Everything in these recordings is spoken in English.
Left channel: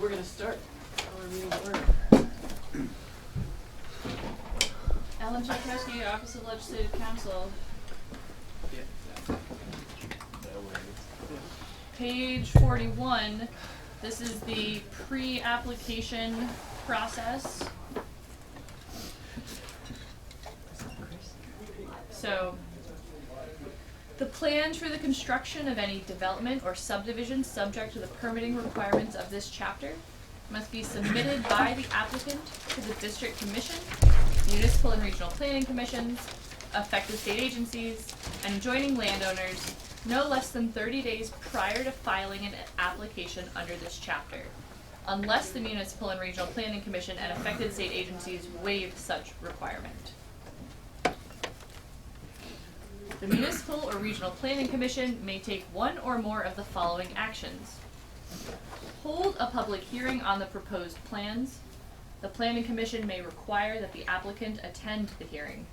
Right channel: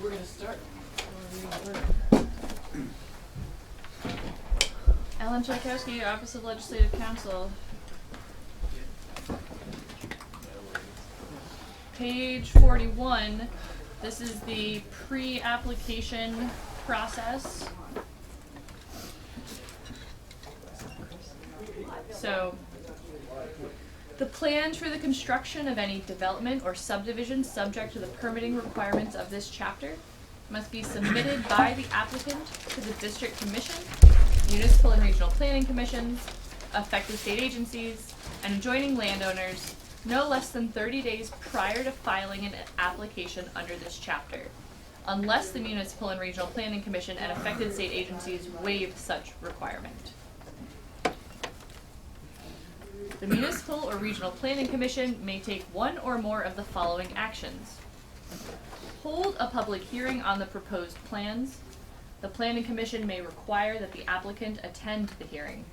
We're going to start our meeting order. Ellen Czajkowski, Office of Legislative Counsel. Page 41, this is the pre-application process. So, the plans for the construction of any development or subdivision subject to the permitting requirements of this chapter must be submitted by the applicant to the District Commission, municipal and regional planning commissions, affected state agencies, and adjoining landowners no less than 30 days prior to filing an application under this chapter, unless the municipal and regional planning commission and affected state agencies waive such requirement. The municipal or regional planning commission may take one or more of the following actions. Hold a public hearing on the proposed plans. The planning commission may require that the applicant attend the hearing.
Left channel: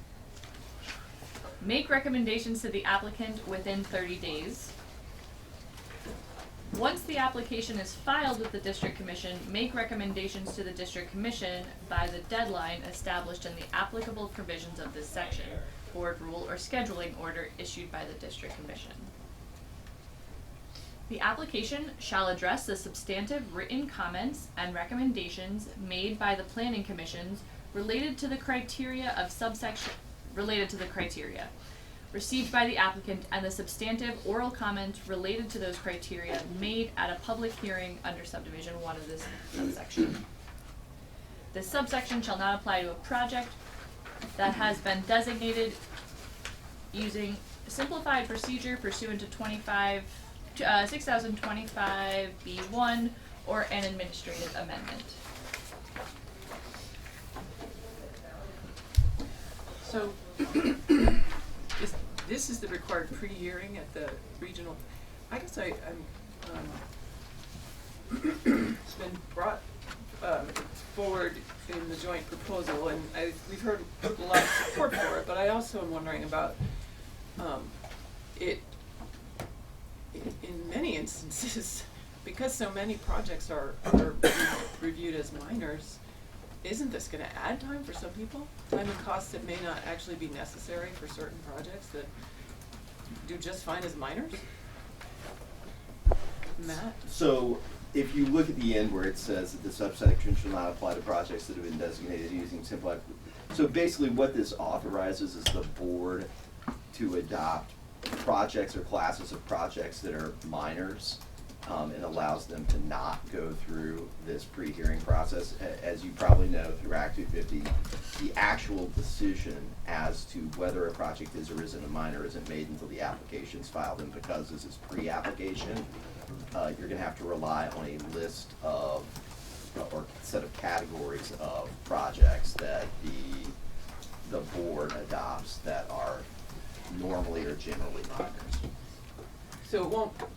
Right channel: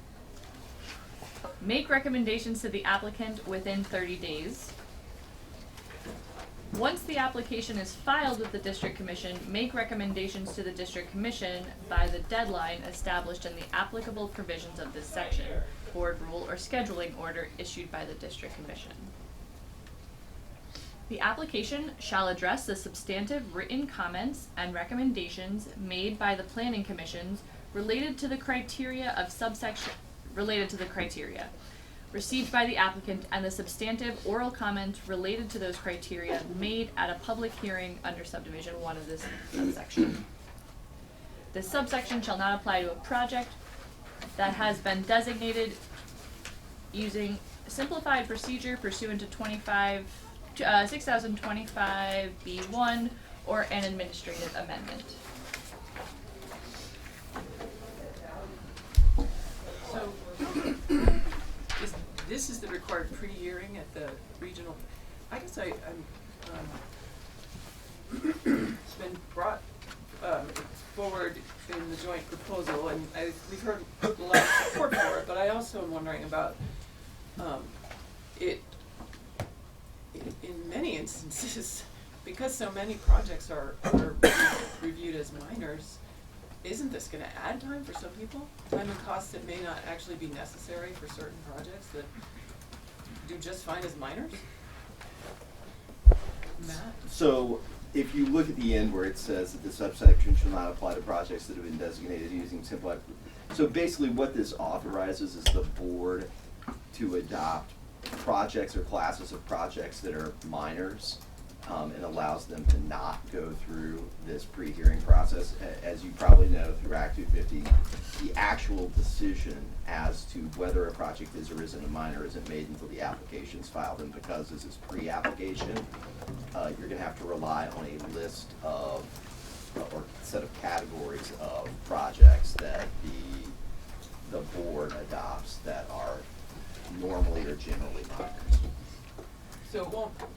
Make recommendations to the applicant within 30 days. Once the application is filed with the district commission, make recommendations to the district commission by the deadline established in the applicable provisions of this section, board rule or scheduling order issued by the district commission. The application shall address the substantive written comments and recommendations made by the planning commissions related to the criteria of subsection received by the applicant and the substantive oral comments related to those criteria made at a public hearing under subdivision 1 of this subsection. This subsection shall not apply to a project that has been designated using simplified procedure pursuant to 6025 B1 or an administrative amendment. So, this is the required pre-hearing at the regional. I guess it's been brought forward in the joint proposal, and we've heard a lot of support for it, but I also am wondering about it in many instances, because so many projects are reviewed as minors. Isn't this going to add time for some people? Time and costs that may not actually be necessary for certain projects that do just fine as minors? Matt? So if you look at the end where it says that the subsection shall not apply to projects that have been designated using simplified. So basically what this authorizes is the board to adopt projects or classes of projects that are minors, and allows them to not go through this pre-hearing process. As you probably know, through Act 250, the actual decision as to whether a project is or isn't a minor isn't made until the application's filed, and because this is pre-application, you're gonna have to rely on a list of, or set of categories of projects that the board adopts that are normally or generally minors. So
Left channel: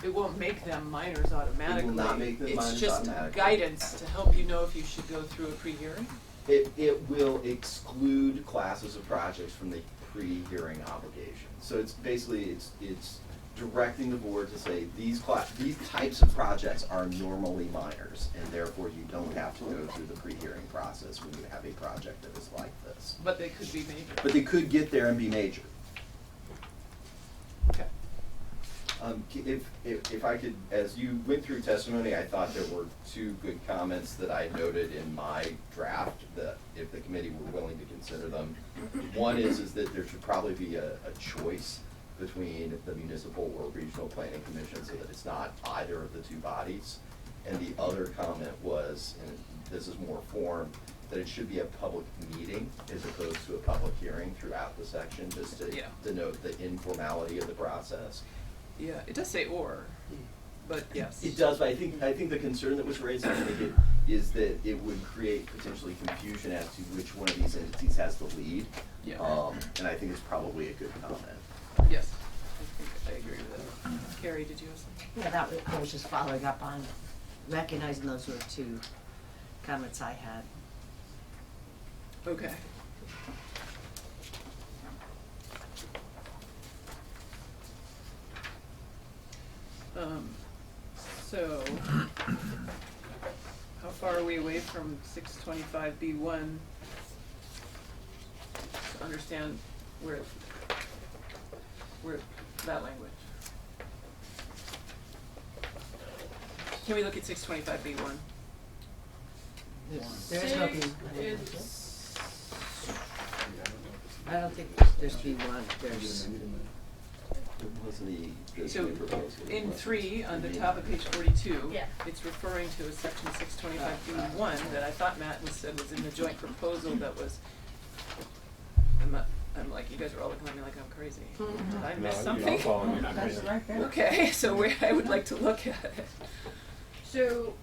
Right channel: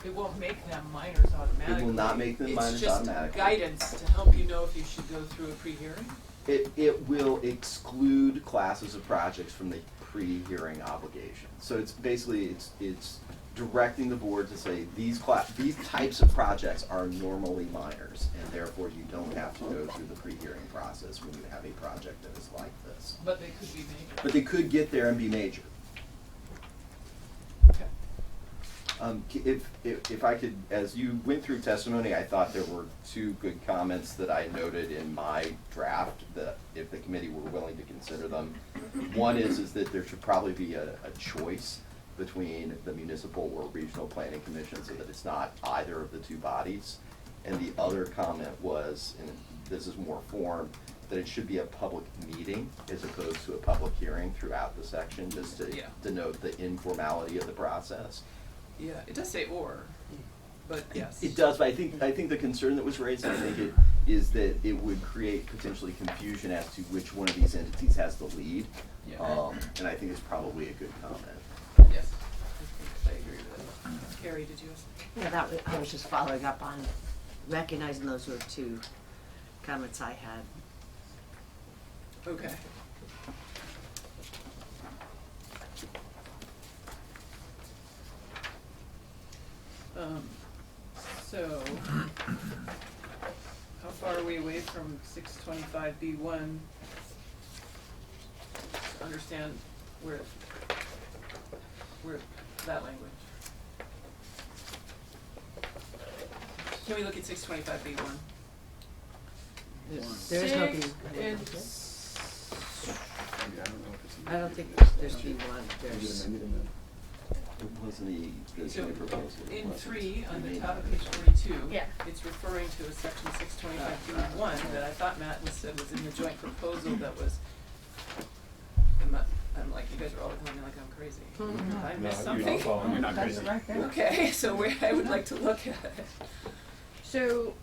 it won't make them minors automatically. It will not make them minors automatically. It's just guidance to help you know if you should go through a pre-hearing? It will exclude classes of projects from the pre-hearing obligation. So it's basically, it's directing the board to say these types of projects are normally minors, and therefore you don't have to go through the pre-hearing process when you have a project that is like this. But they could be major. But they could get there and be major. Okay. If I could, as you went through testimony, I thought there were two good comments that I noted in my draft that if the committee were willing to consider them. One is that there should probably be a choice between the municipal or regional planning commission so that it's not either of the two bodies. And the other comment was, and this is more form, that it should be a public meeting as opposed to a public hearing throughout the section, just to denote the informality of the process. Yeah, it does say or, but yes. It does, but I think the concern that was raised, I think, is that it would create potentially confusion as to which one of these entities has the lead. Yeah. And I think it's probably a good comment. Yes, I agree with that. Carrie, did you have something? Yeah, I was just following up on recognizing those were two comments I had. Okay. So, are we away from 625B1 to understand where that language? Can we look at 625B1? There is no B. It's I don't think there's B1, there's, It wasn't the so designated proposal. It in wasn't. 3 on the It top of may page 42. Yeah. It's referring to a section 625B1 that I thought Matt said was in the joint proposal that was. I'm like, you guys are all looking at me like I'm crazy. Did I miss something? You're not crazy. Okay, so I would like to look at it. So,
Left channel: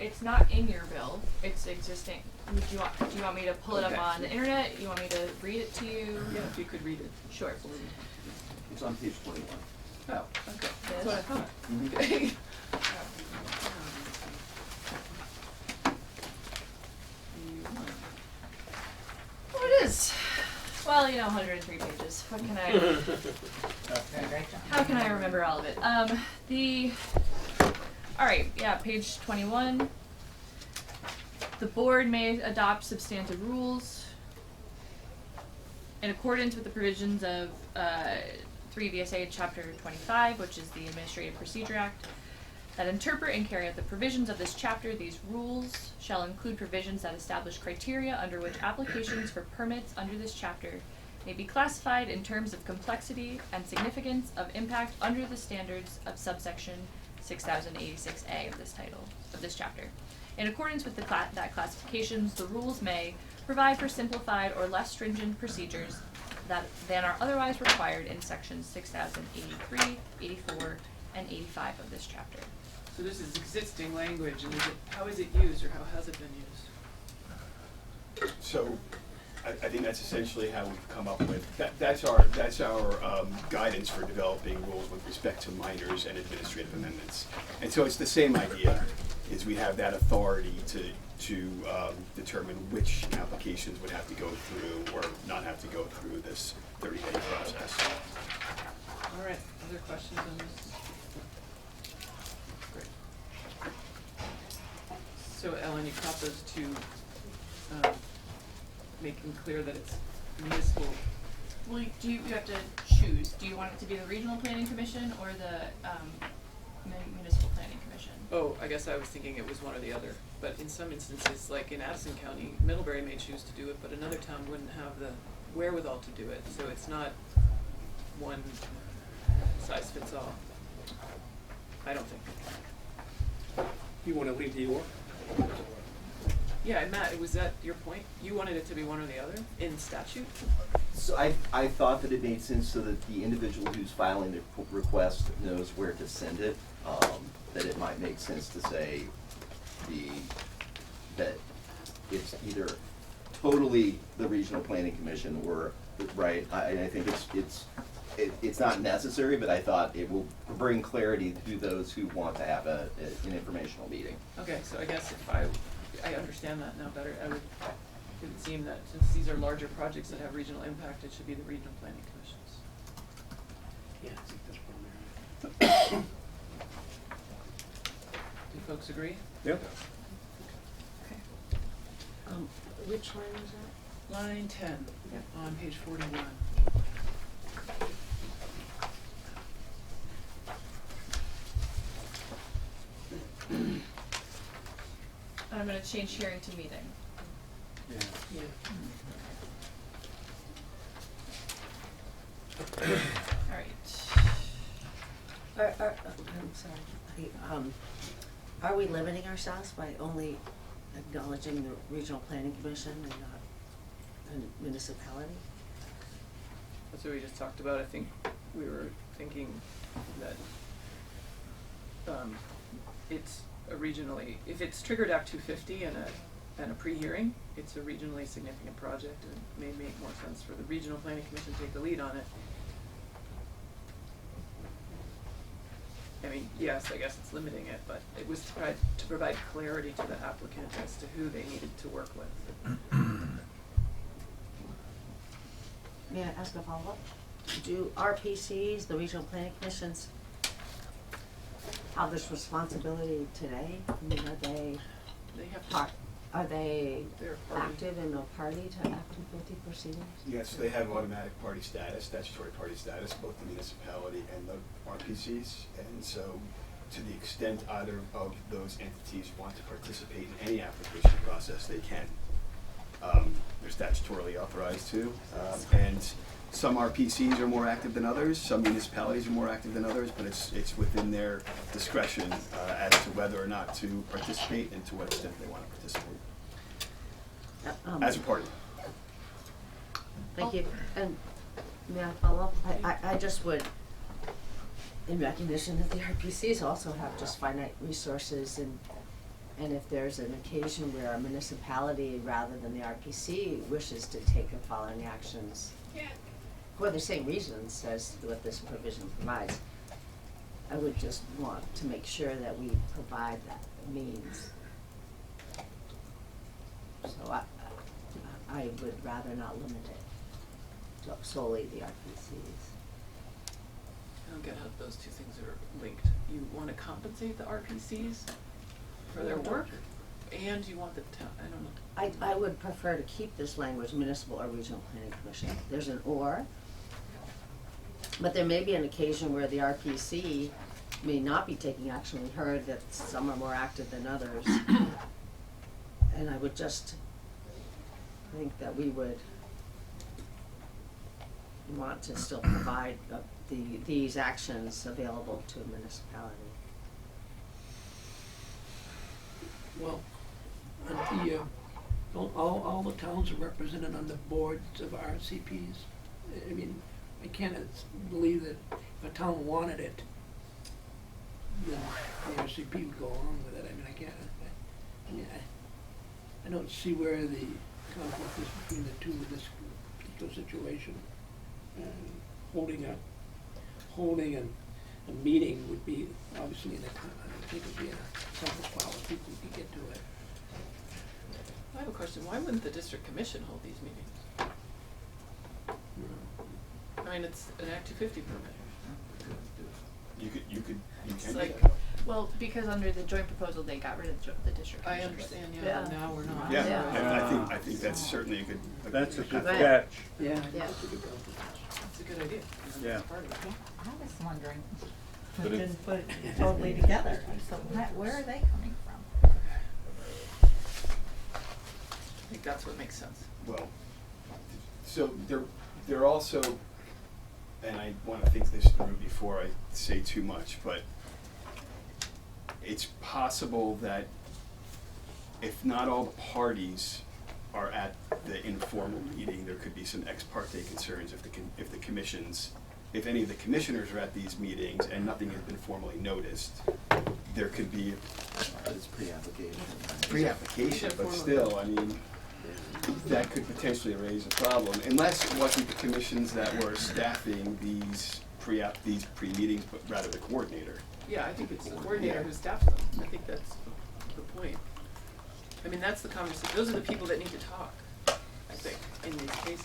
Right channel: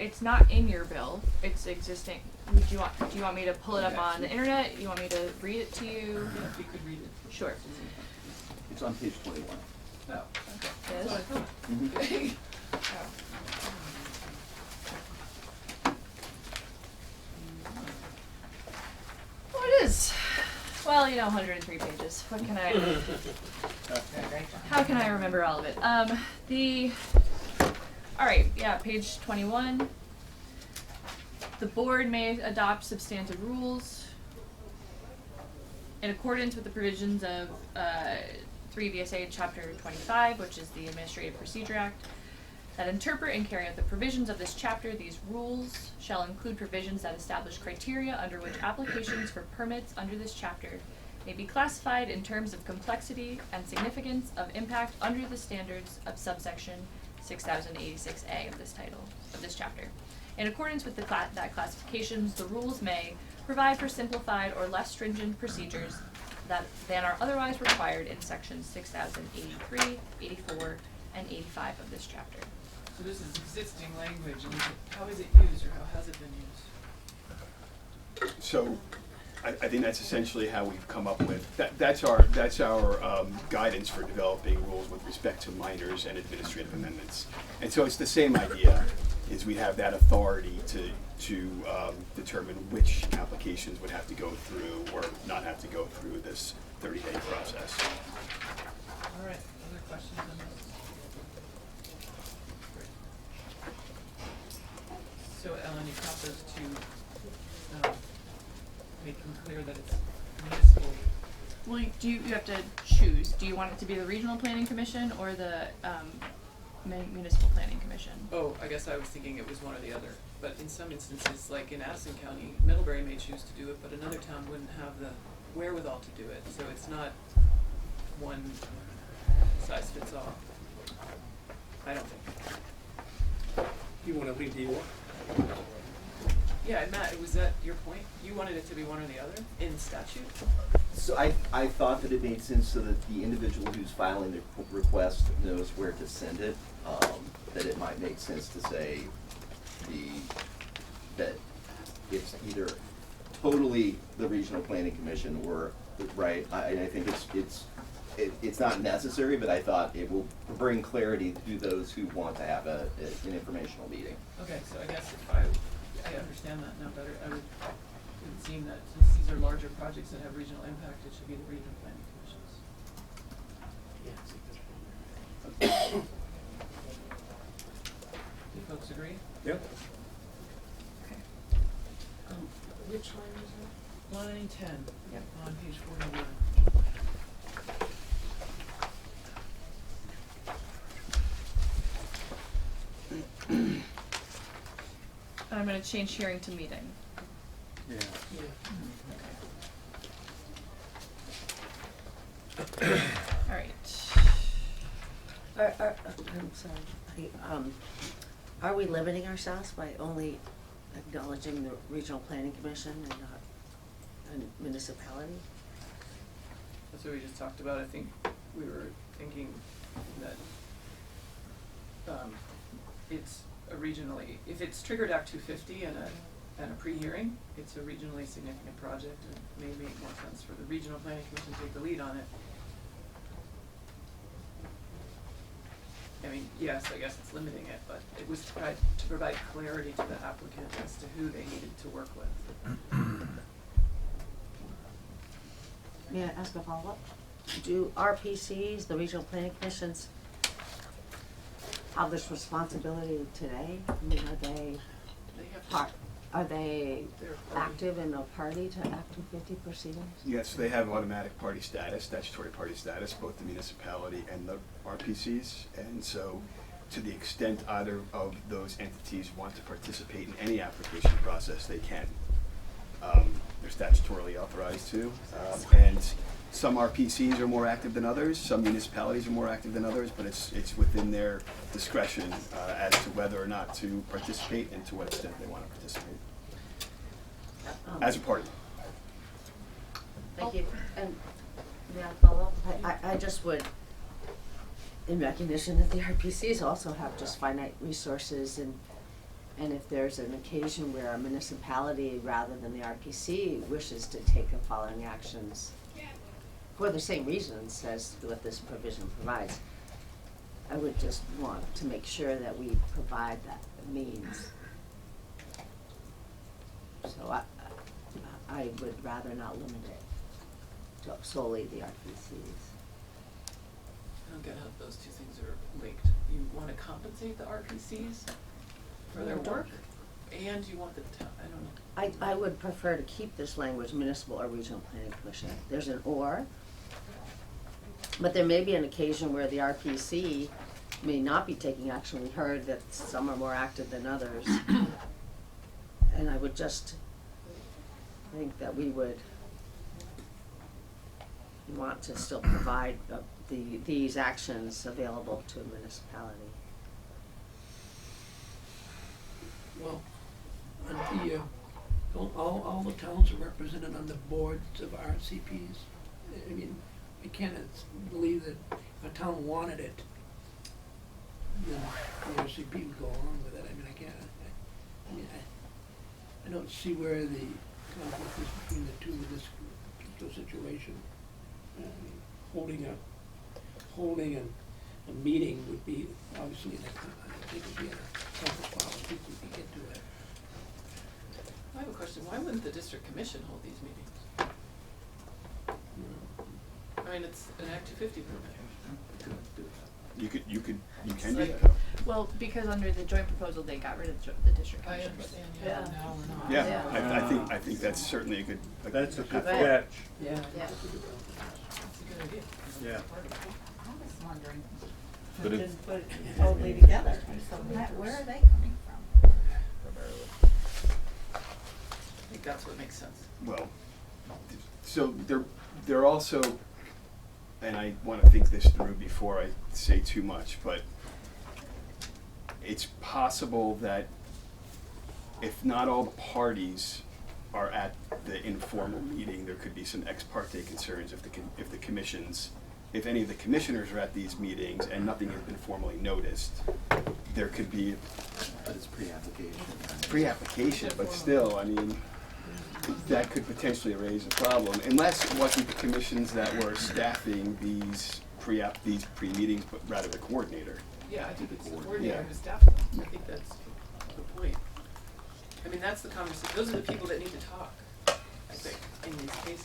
it's not in your bill, it's existing. Do you want me to pull it up Okay. on the internet? You want me to read it to you? Yeah, if you could read it. Sure. It's on page 21. Oh, okay. That's Yes. what I thought. Mhm. Okay. Oh, it is. Well, 103 pages. What can I? How can I remember all of it? All right, yeah, page 21. The board may adopt substantive rules in accordance with the provisions of 3 VSA Chapter 25, which is the Administrative Procedure Act, that interpret and carry out the provisions of this chapter. These rules shall include provisions that establish criteria under which applications for permits under this chapter may be classified in terms of complexity and significance of impact under the standards of subsection 6086A of this chapter. In accordance with that classifications, the rules may provide for simplified or less stringent procedures than are otherwise required in sections 6083, 84, and 85 of this chapter. So this is existing language, and how is it used, or how has it been used? So, I think that's essentially how we've come up with, that's our guidance for developing rules with respect to minors and administrative amendments. And so it's the same idea, is we have that authority to determine which applications would have to go through or not have to go through this 30-day process. All right, other questions on this? Great. So Ellen, you caught those two, making clear that it's municipal. Well, you have to choose. Do you want it to be the Regional Planning Commission or the Municipal Planning Commission? Oh, I guess I was thinking it was one or the other, but in some instances, like in Addison County, Middlebury may choose to do it, but another town wouldn't have the wherewithal to do it, so it's not one size fits all. I don't think. You wanna leave the or? Yeah, and Matt, was that your point? You wanted it to be one or the other in statute? So I thought that it made sense so that the individual who's filing the request knows where to send it, that it might make sense to say that it's either totally the Regional Planning Commission or, right, I think it's not necessary, but I thought it will bring clarity to those who want to have an informational meeting. Okay, so I guess if I understand that now better. It would seem that since these are larger projects that have regional impact, it should be the regional planning commissions. Yeah, I think that's one Do folks agree? there. Yep. Okay. which line is that? Line 10, on page 41. I'm going to change hearing to meeting. Yeah. All right. I'm sorry. Are we limiting ourselves by only acknowledging the Regional Planning Commission and not a municipality? That's what we just talked about. I think we were thinking that it's if it's triggered Act 250 and a pre-hearing, it's a regionally significant project, and it may make more sense for the Regional Planning Commission to take the lead on it. I mean, yes, I guess it's limiting it, but it was to provide clarity to the applicant as to who they needed to work with. May I ask a follow-up? Do RPCs, the Regional Planning Commissions, have this responsibility today? I mean, are they They have to. part, are they They're a party. active and a party to Act 250 proceedings? Yes, they have automatic party status, statutory party status, both the municipality and the RPCs. And so, to the extent either of those entities want to participate in any application process, they can. They're statutorily authorized to. And some RPCs are more active than others, some municipalities are more active than others, but it's within their discretion as to whether or not to participate and to what extent they want to participate as a party. Thank you. And may I follow up? I just would, in recognition that the RPCs also have just finite resources, and if there's an occasion where a municipality rather than the RPC wishes to take the following actions for the same reasons as what this provision provides, I would just want to make sure that we provide that means. So I would rather not limit it to solely the RPCs. I don't get how those two things are linked. You wanna compensate the RPCs for their work, and you want the town, I don't know. I would prefer to keep this language, municipal or regional planning commission. There's an or, but there may be an occasion where the RPC may not be taking action. We heard that some are more active than others. And I would just think that we would want to still provide these actions available to a municipality. Well, on the, don't all the towns are represented on the boards of RCPs? I mean, I can't believe that if a town wanted it, then the RCP would go along with it. I mean, I don't see where the conflict is between the two in this particular situation. Holding a meeting would be obviously in a, I think it would be in a conference file if people could get to it. I have a question, why wouldn't the district commission hold these meetings? I mean, it's an Act 250 permit. You can It's do like- that. Well, because under the joint proposal, they got rid of the district I commission. understand, Yeah. yeah, now we're not. Yeah, Yeah. I think that's certainly a good. That's a good Right. catch. Yeah, Yeah. that's a good idea. Yeah. I was wondering, But we it- didn't put it totally together, so where are they coming from? I think that's what makes sense. Well, so they're also, and I want to think this through before I say too much, but it's possible that if not all the parties are at the informal meeting, there could be some ex parte concerns if the commissions, if any of the commissioners are at these meetings and nothing has been formally noticed, there could be But it's pre-application. pre-application, but still, I mean, that could potentially raise a problem, unless it wasn't the commissions that were staffing these pre-meetings, but rather the coordinator. Yeah, I think it's the coordinator Yeah. who staffs them. I think that's the point. I mean, that's the conversation, those are the people that need to talk, I think, in these cases.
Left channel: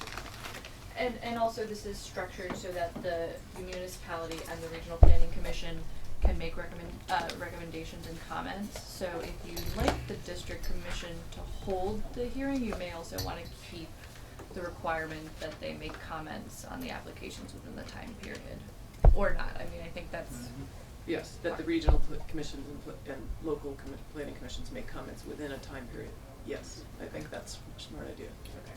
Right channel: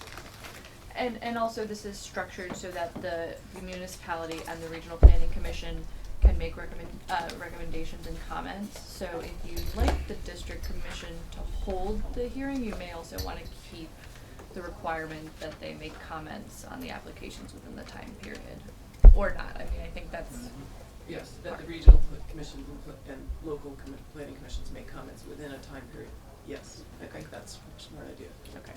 And also this is structured so that the municipality and the regional planning commission can make recommendations and comments. So if you'd like the district commission to hold the hearing, you may also wanna keep the requirement that they make comments on the applications within the time period. Or not, I mean, I think that's, Yes, that the regional commissions and local planning commissions make comments within a time period. Yes, I think that's a smart idea. okay.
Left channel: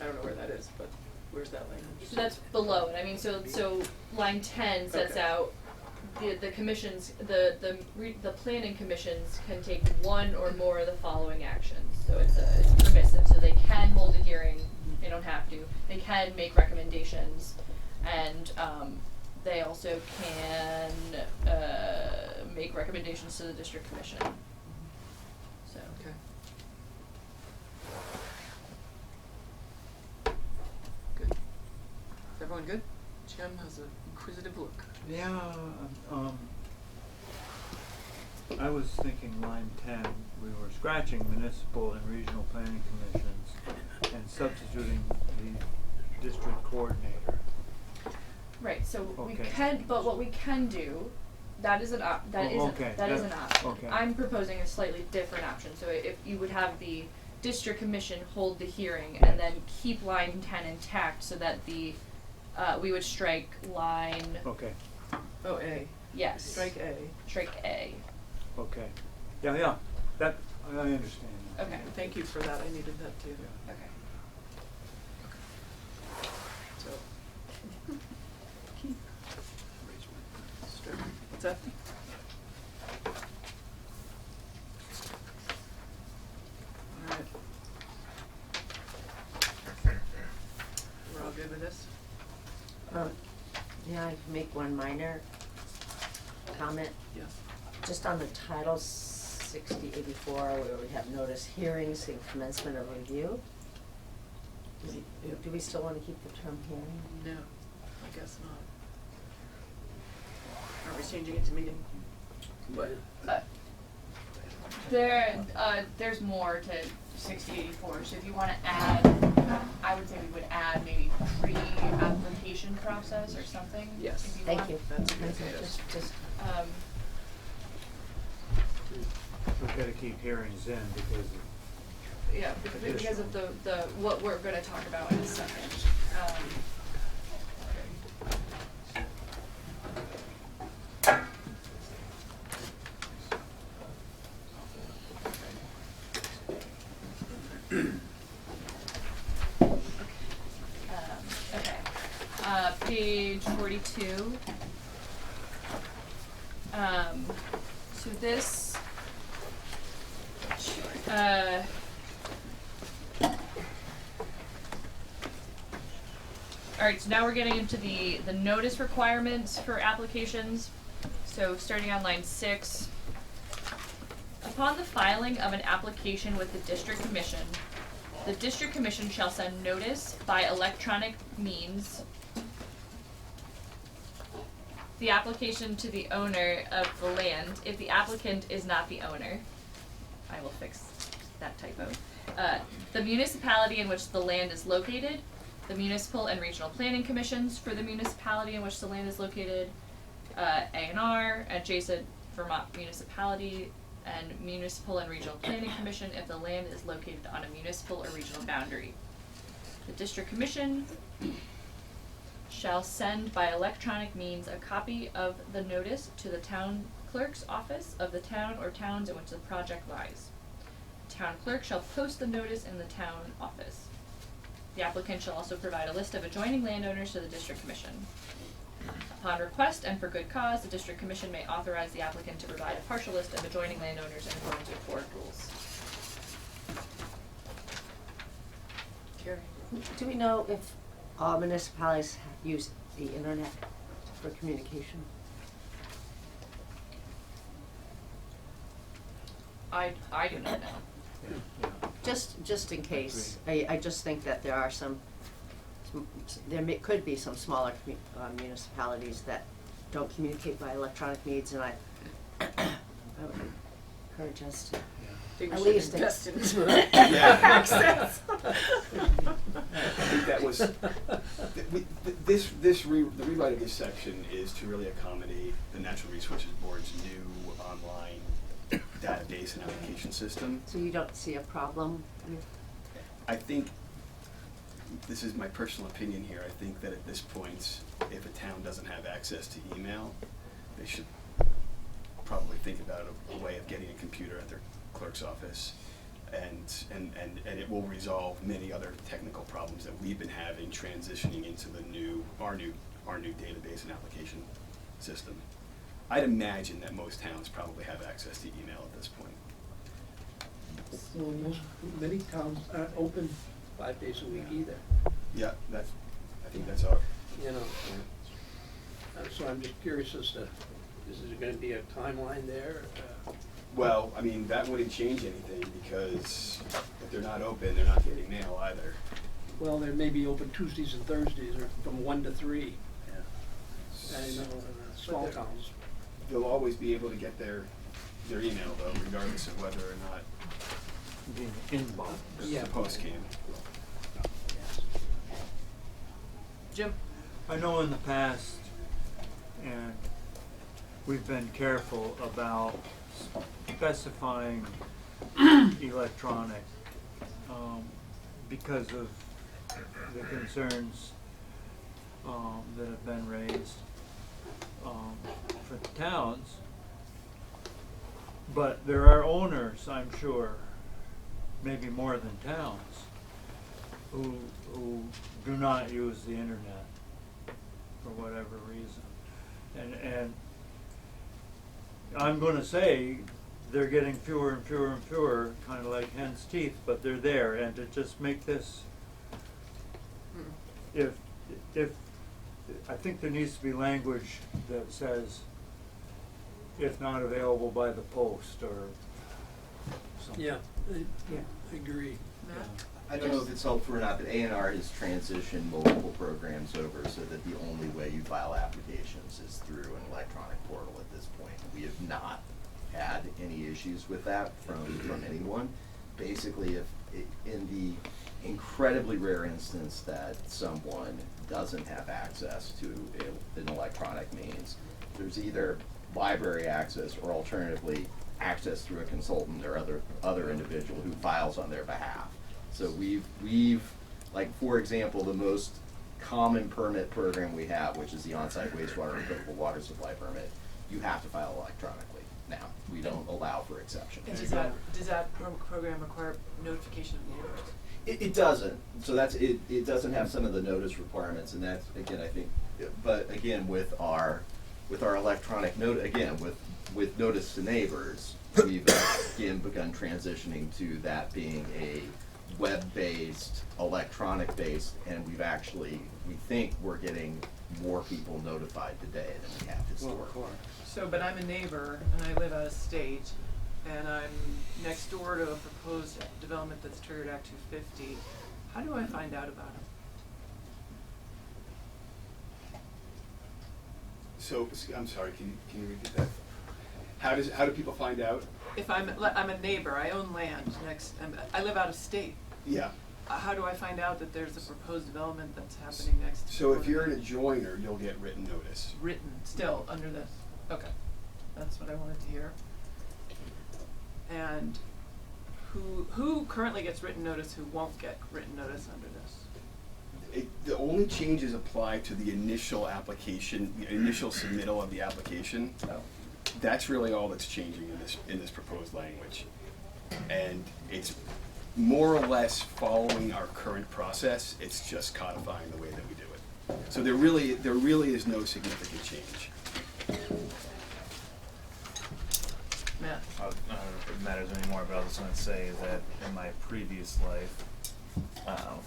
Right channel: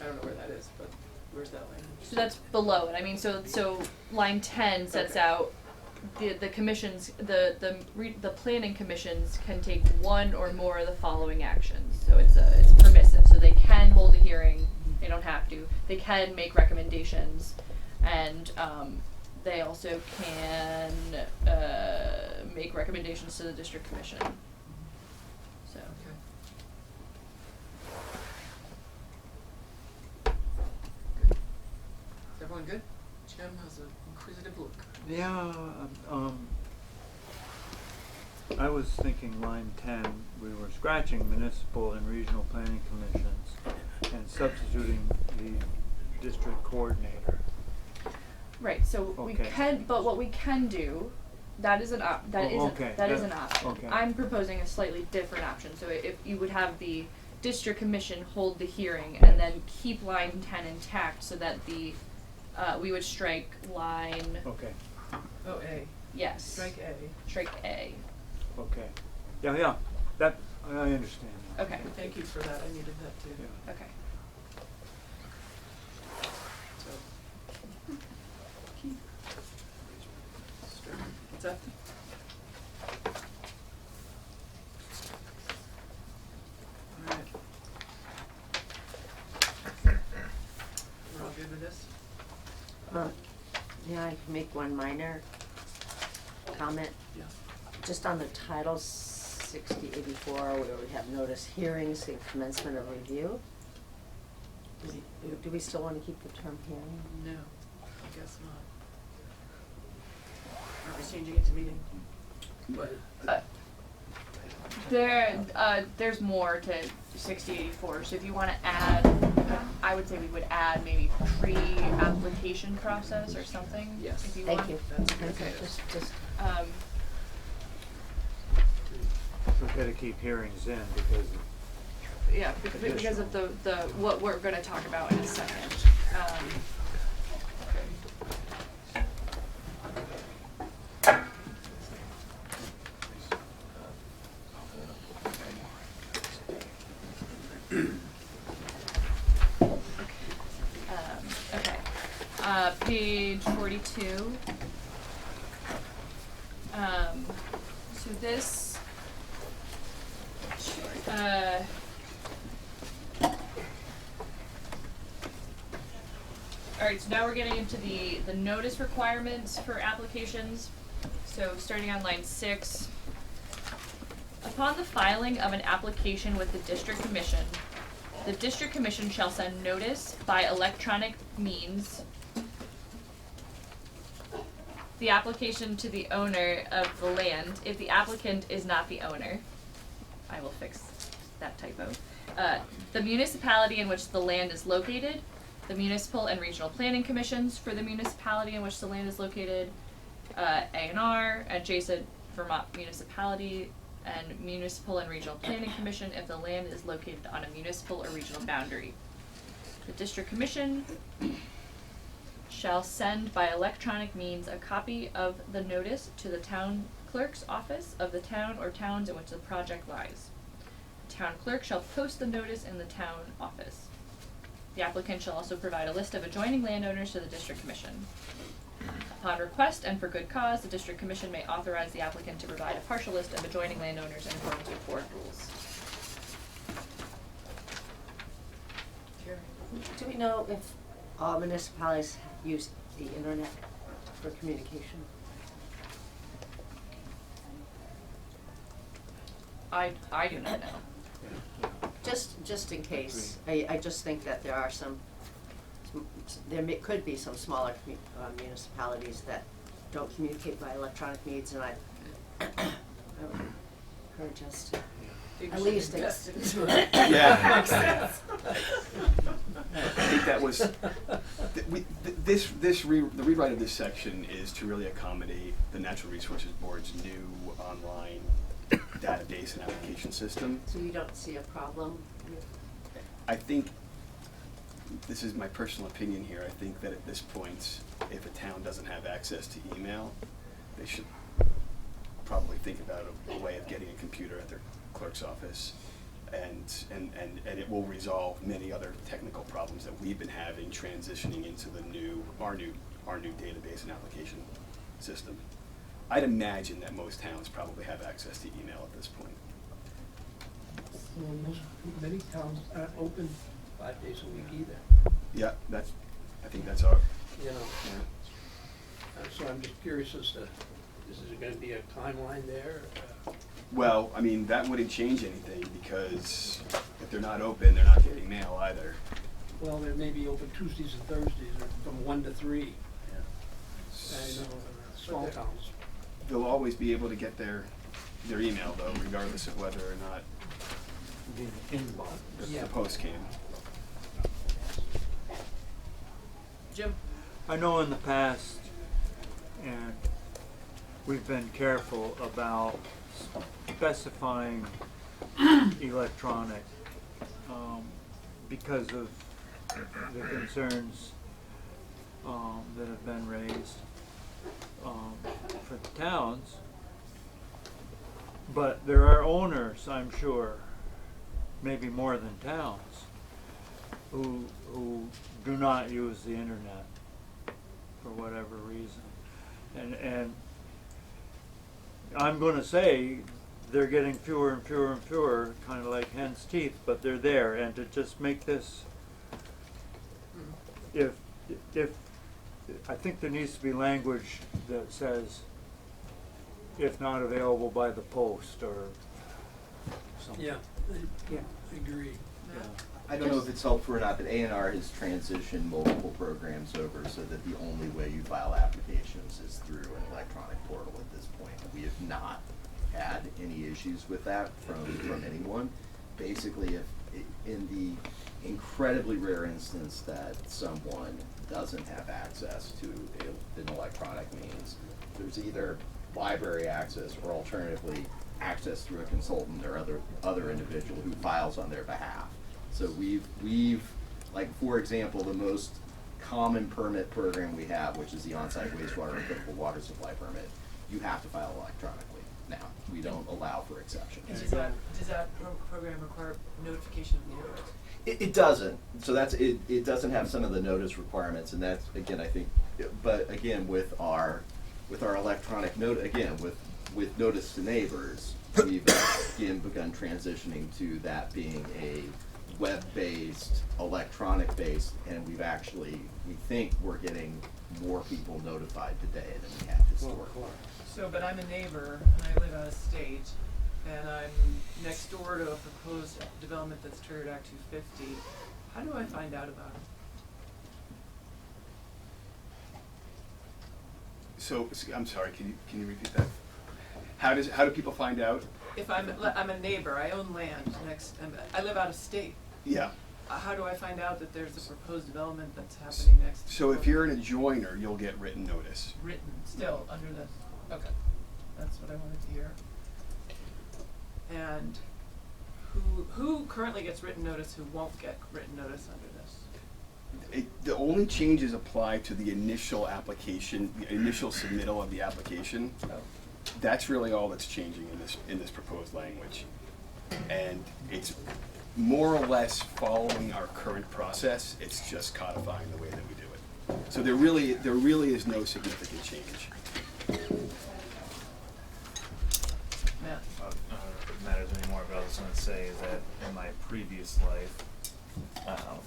I don't know where that is, but where's that language? So that's below it, I mean, so line 10 sets Okay. out the commissions, the planning commissions can take one or more of the following actions. So it's permissive, so they can hold a hearing, they don't have to, they can make recommendations, and they also can make recommendations to the district commission. So. Okay. Good. Is everyone good? Jim has an inquisitive look. Yeah, I was thinking line 10, we were scratching municipal and regional planning commissions and substituting the district coordinator. Right, so we Okay. can, but what we can do That is an okay, that is an option. okay. I'm proposing a slightly different option. So if you would have the district commission hold the hearing and then keep line 10 intact, so that the we would strike line Okay, Oh, A. yes Strike A. strike A. okay. Yeah, that, I understand that. Okay. Thank you for that, I needed that too. Yeah. Okay. So. What's that? Alright. We're all good with this? Yeah, I can make one minor comment. Yeah. Just on the title 6084, where we have notice hearings and commencement of review. Do we still want to keep the term hearing? No, I guess not. Are we changing it to meeting? There's more to 6084. So if you want to add, I would say we would add maybe pre-application process or something. Yes. If you Thank want. you. That's okay. Okay, just, We've gotta keep hearings in because Yeah, because of the what we're going to talk about in a second. Okay. Page 42. So this. Alright, so now we're getting into the notice requirements for applications. So starting on line 6. Upon the filing of an application with the district commission, the district commission shall send notice by electronic means the application to the owner of the land if the applicant is not the owner. I will fix that typo. The municipality in which the land is located, the municipal and regional planning commissions for the municipality in which the land is located, A&R, adjacent Vermont municipality, and municipal and regional planning commission if the land is located on a municipal or regional boundary. The district commission shall send by electronic means a copy of the notice to the town clerk's office of the town or towns in which the project lies. The town clerk shall post the notice in the town office. The applicant shall also provide a list of adjoining landowners to the district commission. Upon request and for good cause, the district commission may authorize the applicant to provide a partial list of adjoining landowners in accordance with board rules. Carrie? do we know if all municipalities use the internet for communication? I do not know. Just in case, I just think that there are could be some smaller municipalities that don't communicate by electronic means, and I would encourage us to Think at we should least invest into it. Yeah. Makes sense. I think that was, the rewrite of this section is to really accommodate the Natural Resources Board's new online database and application system. So you don't see a problem with? I think, this is my personal opinion here, I think that at this point, if a town doesn't have access to email, they should probably think about a way of getting a computer at their clerk's office, and it will resolve many other technical problems that we've been having transitioning into our new database and application system. I'd imagine that most towns probably have access to email at this point. Many towns aren't open 5 days a week either, Yeah, I think that's our, you know. So I'm just curious as to, is there gonna be a timeline there? well, I mean, that wouldn't change anything, because if they're not open, they're not getting mail either. Well, they may be open Tuesdays and Thursdays, or from 1 to 3. I know, small towns. They'll always be able to get their email though, regardless of whether or not the inbox. Yeah. the post came. Jim? I know in the past, and we've been careful about specifying electronic, because of the concerns, that have been raised, for the towns. But there are owners, I'm sure, maybe more than towns, who do not use the internet for whatever reason. And I'm gonna say they're getting fewer and fewer and fewer, kind of like hen's teeth, but they're there. And to just make this, if I think there needs to be language that says, if not available by the post or something. Yeah, I agree. Matt? I don't know if it's helpful or not, but A&R has transitioned multiple programs over so that the only way you file applications is through an electronic portal at this point. We have not had any issues with that from anyone. Basically, if in the incredibly rare instance that someone doesn't have access to an electronic means, there's either library access or alternatively access through a consultant or other individual who files on their behalf. So we've like, for example, the most common permit program we have, which is the on-site wastewater and potable water supply permit, you have to file electronically now. We don't allow for exceptions. And does that program require notification of the neighbors? It doesn't. So that's it. It doesn't have some of the notice requirements, and that's again, I think. But again, with our electronic note, again with notice to neighbors, we've again begun transitioning to that being a web-based, electronic-based, and we think we're getting more people notified today than we have historically. So, but I'm a neighbor and I live out of state and I'm next door to a proposed development that's triggered Act 250. How do I find out about it? So, I'm sorry, can you repeat that? How do people find out? If I'm a neighbor, I own land next, I live out of state. Yeah. How do I find out that there's a proposed development that's happening next door? So if you're an adjoiner, you'll get written notice. Written, still, under this, okay, that's what I wanted to hear. And who currently gets written notice, who won't get written notice under this? The only changes apply to the initial application, the initial submittal of the application. Oh. That's really all that's changing in this proposed language. And it's more or less following our current process. It's just codifying the way that we do it. So there really is no significant change. Matt? I don't know if it matters anymore, but I was just going to say that in my previous life, at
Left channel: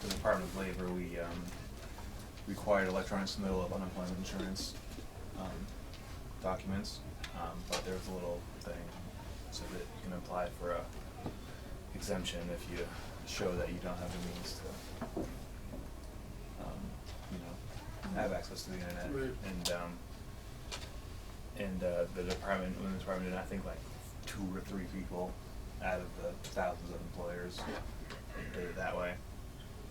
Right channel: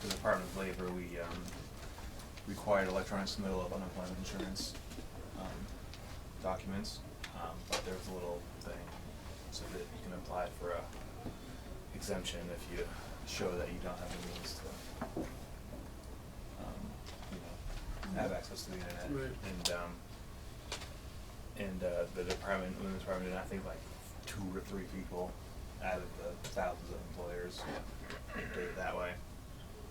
the Department of Labor, we required electronic submittal of unemployment insurance documents, but there was a little thing so that you can apply for a exemption if you show that you don't have the means to, have access to the internet. Right. And the department, women's department, did I think like 2 or 3 people out of the thousands of employers did it that way.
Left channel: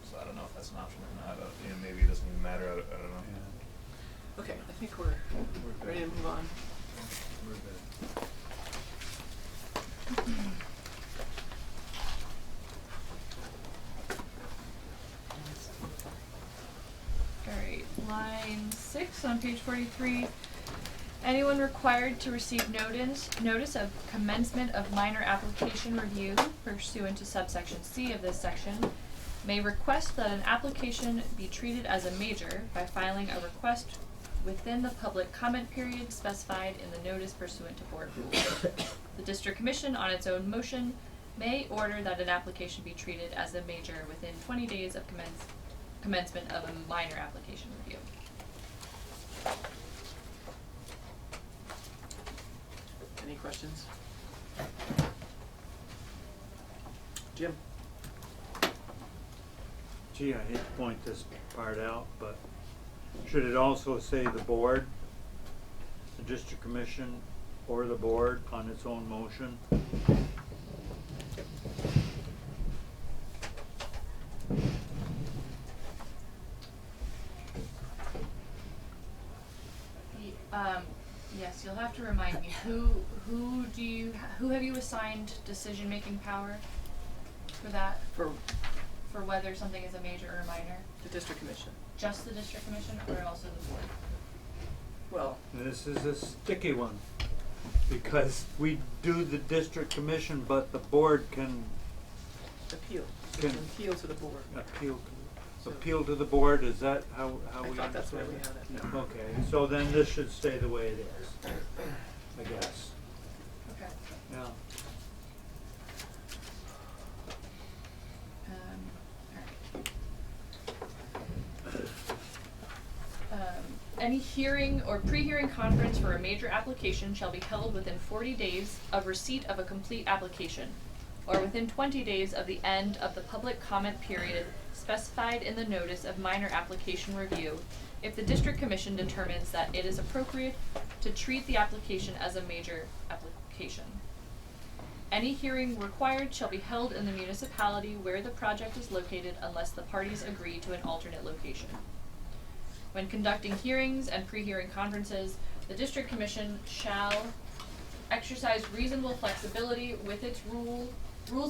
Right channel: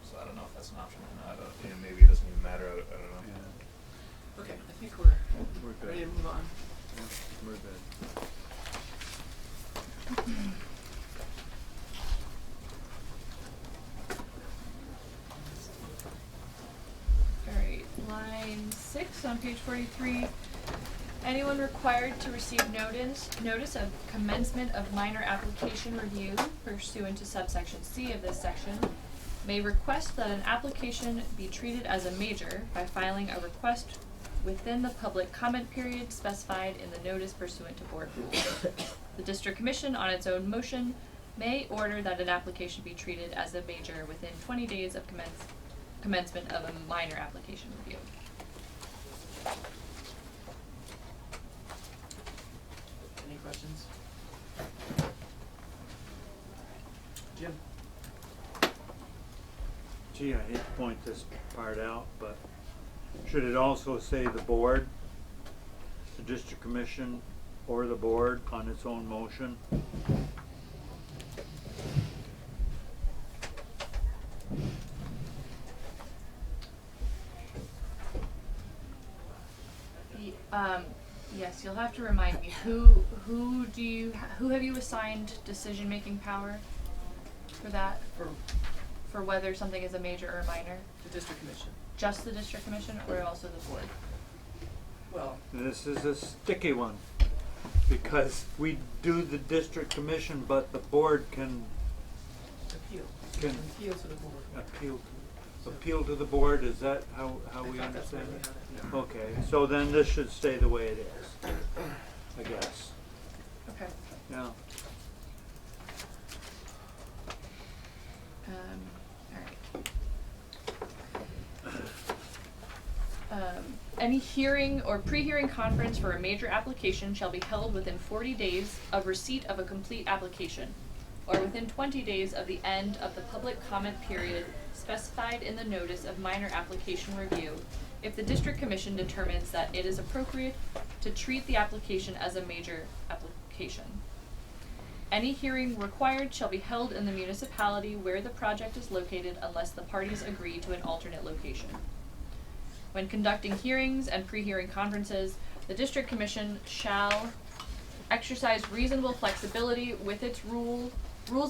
So I don't know if that's an option or not. Maybe it doesn't even matter. I don't know. Yeah, Okay, I think we're good. ready to move on. We're good. Alright, line 6 on page 43. Anyone required to receive notice of commencement of minor application review pursuant to subsection C of this section may request that an application be treated as a major by filing a request within the public comment period specified in the notice pursuant to board rules. The district commission, on its own motion, may order that an application be treated as a major within 20 days of commencement of a minor application review. Any questions? Jim? Gee, I hate to point this part out, but should it also say the board, the district commission, or the board on its own motion? have to remind me, who have you assigned decision-making power for that? For whether something is a major or a minor? The district commission. Just the district commission or also the board? Well, This is a sticky one, because we do the district commission, but the board can appeal. Can- Appeal to the board. appeal to the board. Is that how I we thought that's where understand we it? had it. Okay, so then this should stay the way it is, I guess, Okay. yeah. Alright. Any hearing or pre-hearing conference for a major application shall be held within 40 days of receipt of a complete application, or within 20 days of the end of the public comment period specified in the notice of minor application review, if the district commission determines that it is appropriate to treat the application as a major application. Any hearing required shall be held in the municipality where the project is located unless the parties agree to an alternate location. When conducting hearings and pre-hearing conferences, the district commission shall exercise reasonable flexibility with its rules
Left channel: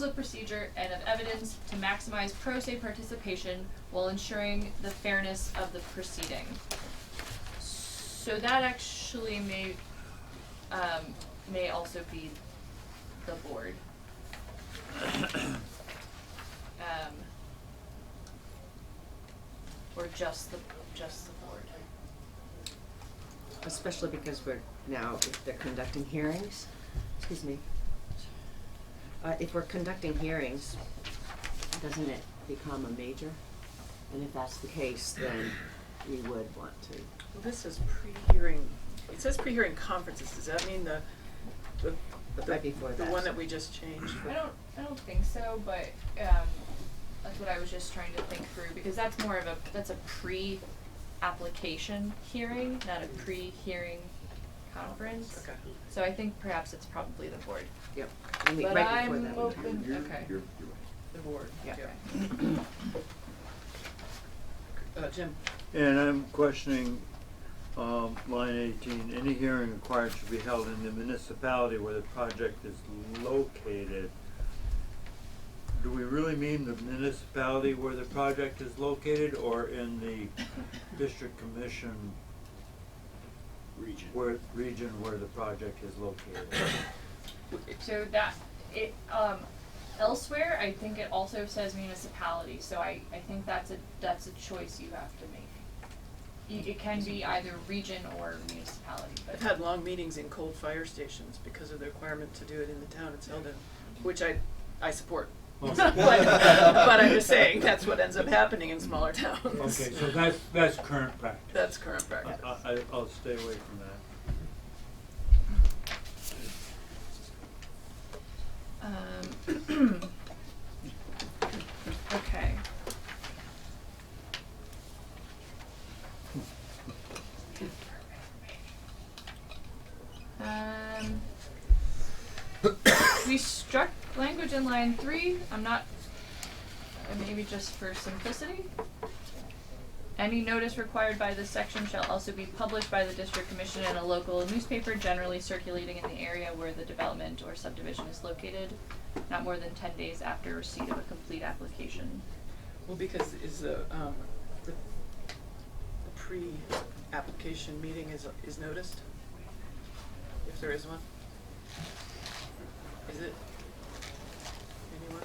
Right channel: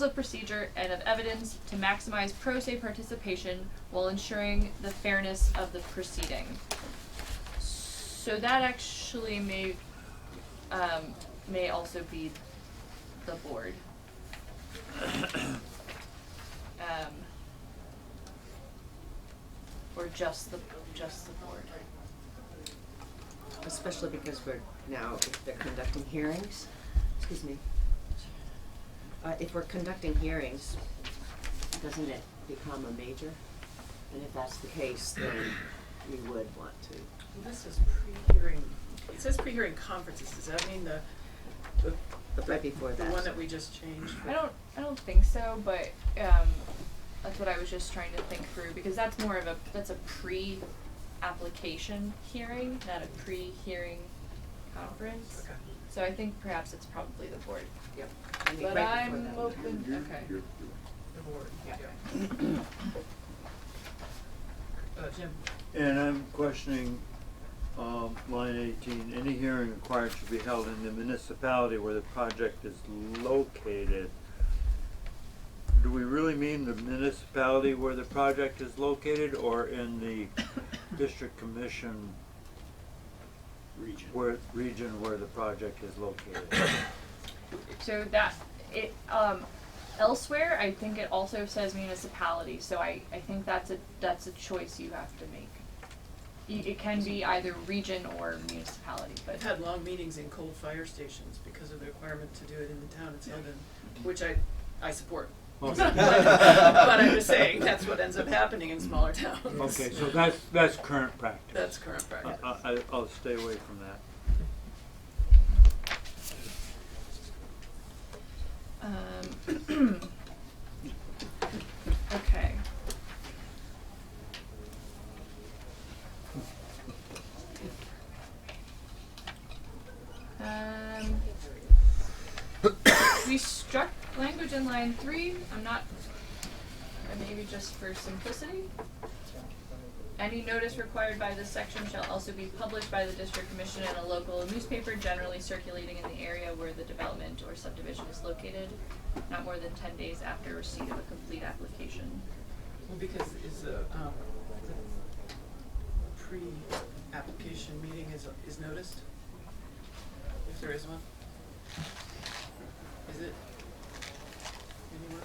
of procedure and of evidence to maximize pro se participation while ensuring the fairness of the proceeding. So that actually may also be the board. Or just the board. Especially because we're now, if they're conducting hearings, excuse me. If we're conducting hearings, doesn't it become a major? And if that's the case, then we would want to. Well, this is pre-hearing, it says pre-hearing conferences, does that mean the Right before the that. one that we just changed? I don't think so, but that's what I was just trying to think through, because that's more of that's a pre-application hearing, not a pre-hearing conference. Okay. So I think perhaps it's probably the board. Yep. I mean, But right before I'm that. open, okay. You're The board, Yeah. Jim? And I'm questioning, line 18, any hearing required should be held in the municipality where the project is located. Do we really mean the municipality where the project is located, or in the district commission Region. region where the project is located? So that, elsewhere, I think it also says municipality, so I think that's a choice you have to make. It can be either region or municipality, but. I've had long meetings in coal fire stations because of the requirement to do it in the town it's held in, which I support. Okay. But I'm just saying, that's what ends up happening in smaller towns. Okay, so that's current practice. That's current practice. I'll stay away from that. Okay. We struck language in line 3. I'm not, maybe just for simplicity. Any notice required by this section shall also be published by the district commission in a local newspaper generally circulating in the area where the development or subdivision is located, not more than 10 days after receipt of a complete application. Well, because is the pre-application meeting is noticed? If there is one? Is it? Anyone?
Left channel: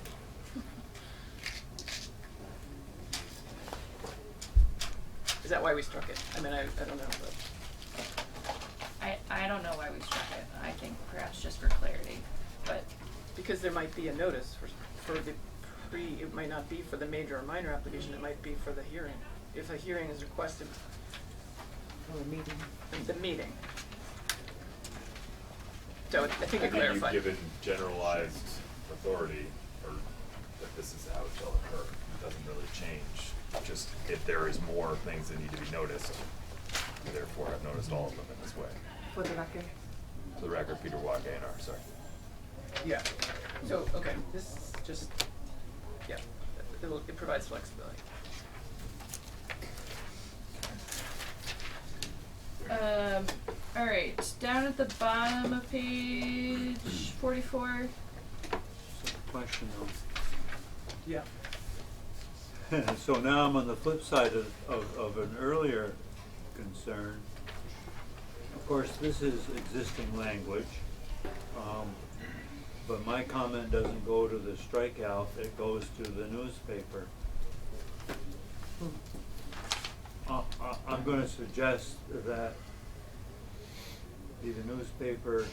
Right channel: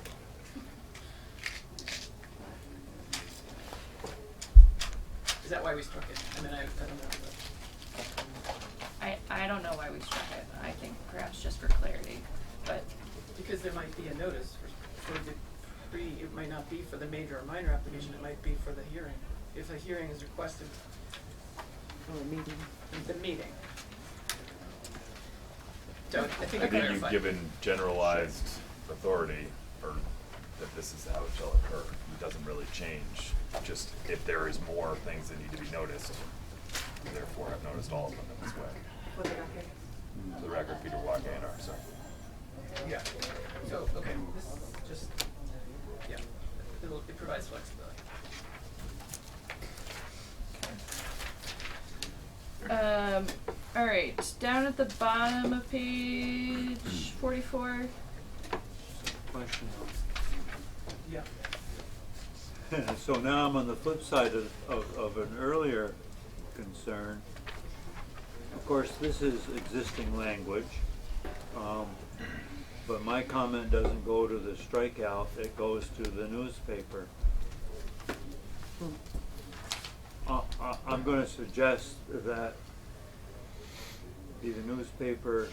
Is that why we struck it? I mean, I don't know, but. I don't know why we struck it. I think perhaps just for clarity, but Because there might be a notice for the it might not be for the major or minor application, it might be for the hearing. If a hearing is requested, Or a meeting. the meeting. So I think I it think clarified. you've given generalized authority, or that this is how it shall occur. It doesn't really change, just if there is more things that need to be noticed, therefore I've noticed all of them in this way. For the record. For the record, Peter Walke, NR, sorry. Yeah, so, okay, this is just, yeah, it provides flexibility. Alright, down at the bottom of page 44. Question Yeah. though. So now I'm on the flip side of an earlier concern. Of course, this is existing language, but my comment doesn't go to the strikeout, it goes to the newspaper. I'm gonna suggest that be the newspaper,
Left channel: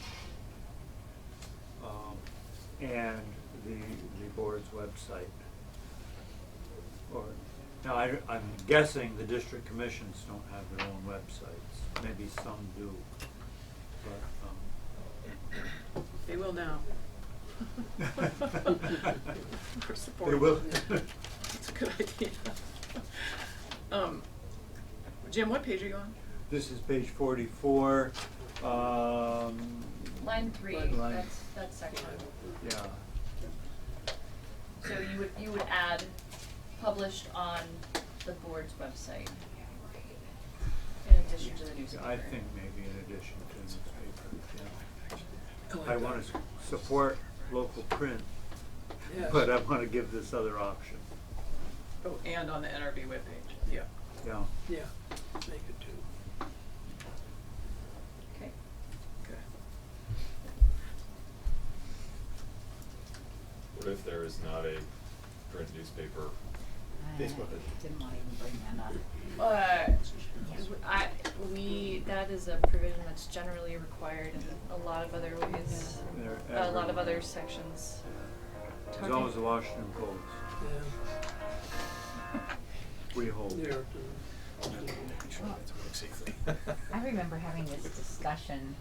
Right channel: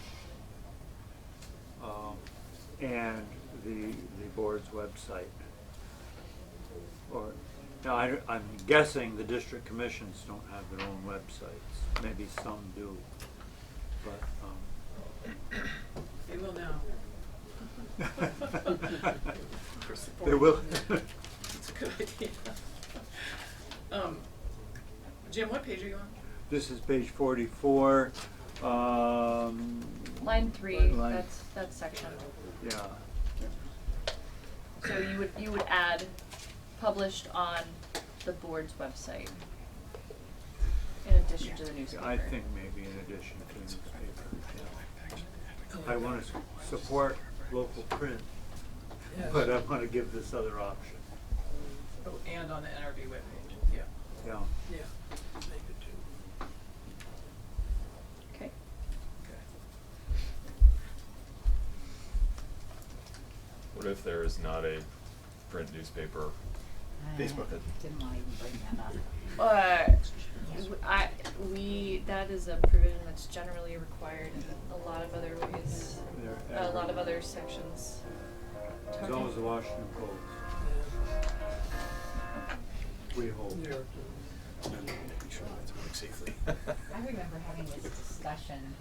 and the board's website. Or, now I'm guessing the district commissions don't have their own websites, maybe some do, but, They will now. For support. They will. It's a good idea. Jim, what page are you on? This is page 44, Line 3, Line- that's section. yeah. So you would add published on the board's website in addition to the newspaper. I think maybe in addition to newspaper, yeah. I wanna support local print, Yes. but I wanna give this other option, Oh, and on the NRV webpage, yeah. yeah. Yeah, make it too. Okay. Okay. What if there is not a print newspaper? Facebook. Didn't want to even bring that up. That is a provision that's generally required in a lot of other ways, They're a lot of everywhere. other sections. As long as the Washington codes, we hope. Yeah. Making sure that's working safely. I remember having this discussion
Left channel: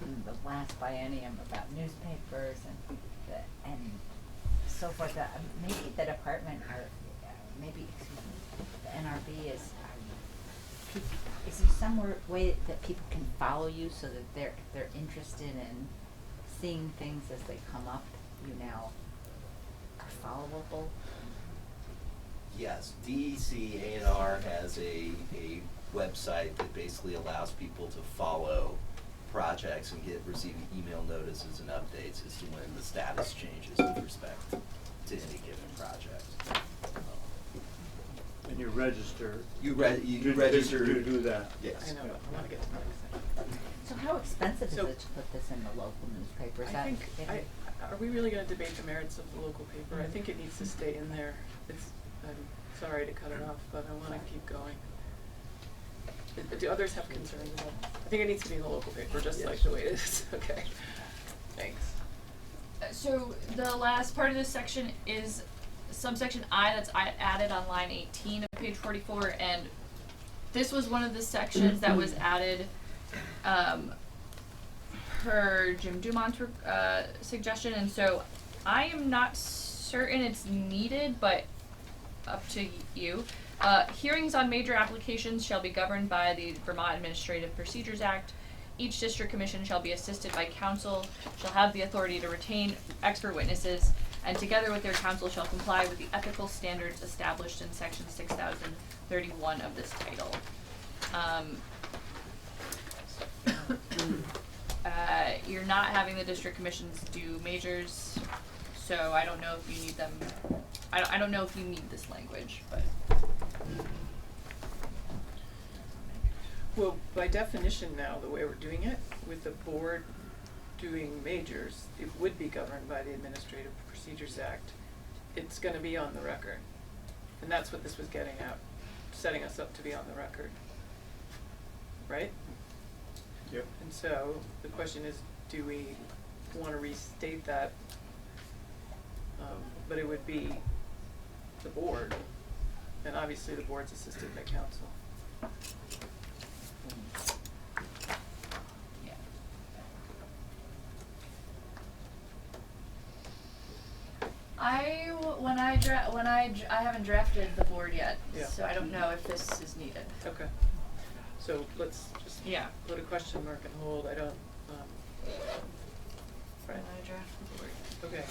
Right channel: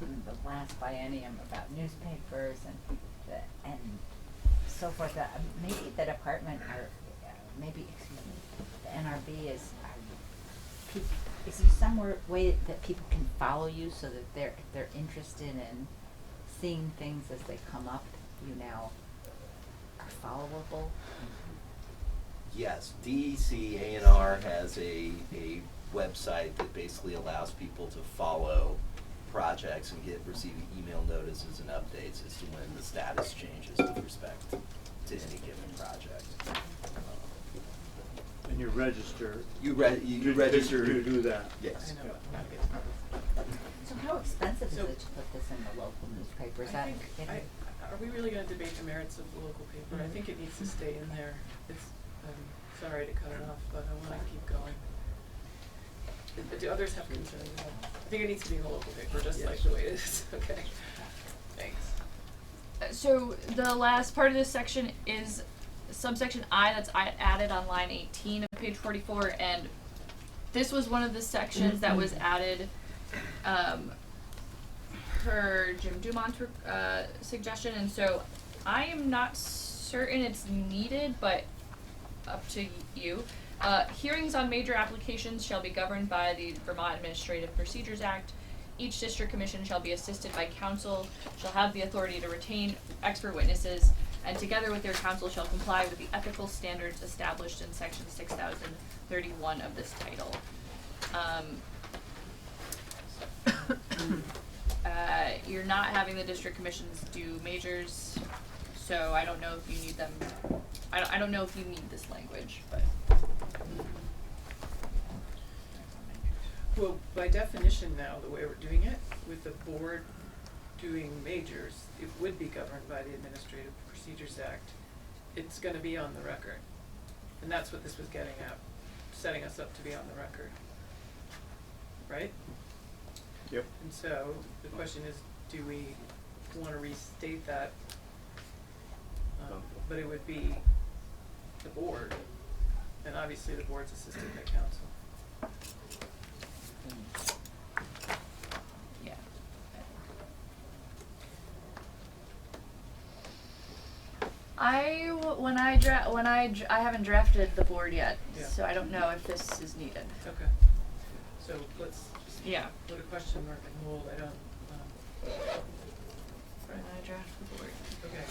in the last biennium about newspapers and so forth. Maybe the department or maybe the NRB is there some way that people can follow you so that if they're interested in seeing things as they come up, you now are followable? Yes, DEC A&R has a website that basically allows people to follow projects and receive email notices and updates as to when the status changes with respect to any given project. And you register. You register. You do that. Yes. I know, Yeah. but I gotta get to my So how expensive is So- it to put this in the local newspaper? Is I that think, getting- are we really gonna debate the merits of the local paper? I think it needs to stay in there. I'm sorry to cut it off, but I wanna keep going. Do others have concerns about it? I think it needs to be in the local paper, just like the way it is, okay? Thanks. So the last part of this section is subsection I that's added on line 18 of page 44, and this was one of the sections that was added per Jim Dumont's suggestion, and so I am not certain it's needed, but up to you. Hearings on major applications shall be governed by the Vermont Administrative Procedures Act. Each district commission shall be assisted by counsel, shall have the authority to retain expert witnesses, and together with their counsel shall comply with the ethical standards established in section 6031 of this title. You're not having the district commissions do majors, so I don't know if you need them. I don't know if you need this language, but. Well, by definition now, the way we're doing it, with the board doing majors, it would be governed by the Administrative Procedures Act. It's gonna be on the record. And that's what this was getting at, setting us up to be on the record. Right? Yep. And so, the question is, do we wanna restate that? But it would be the board, and obviously the board's assisted by counsel. Yeah. I haven't drafted the board yet, Yeah. so I don't know if this is needed. Okay. So let's just Yeah. put a question mark and hold, I don't, When I draft the board. okay.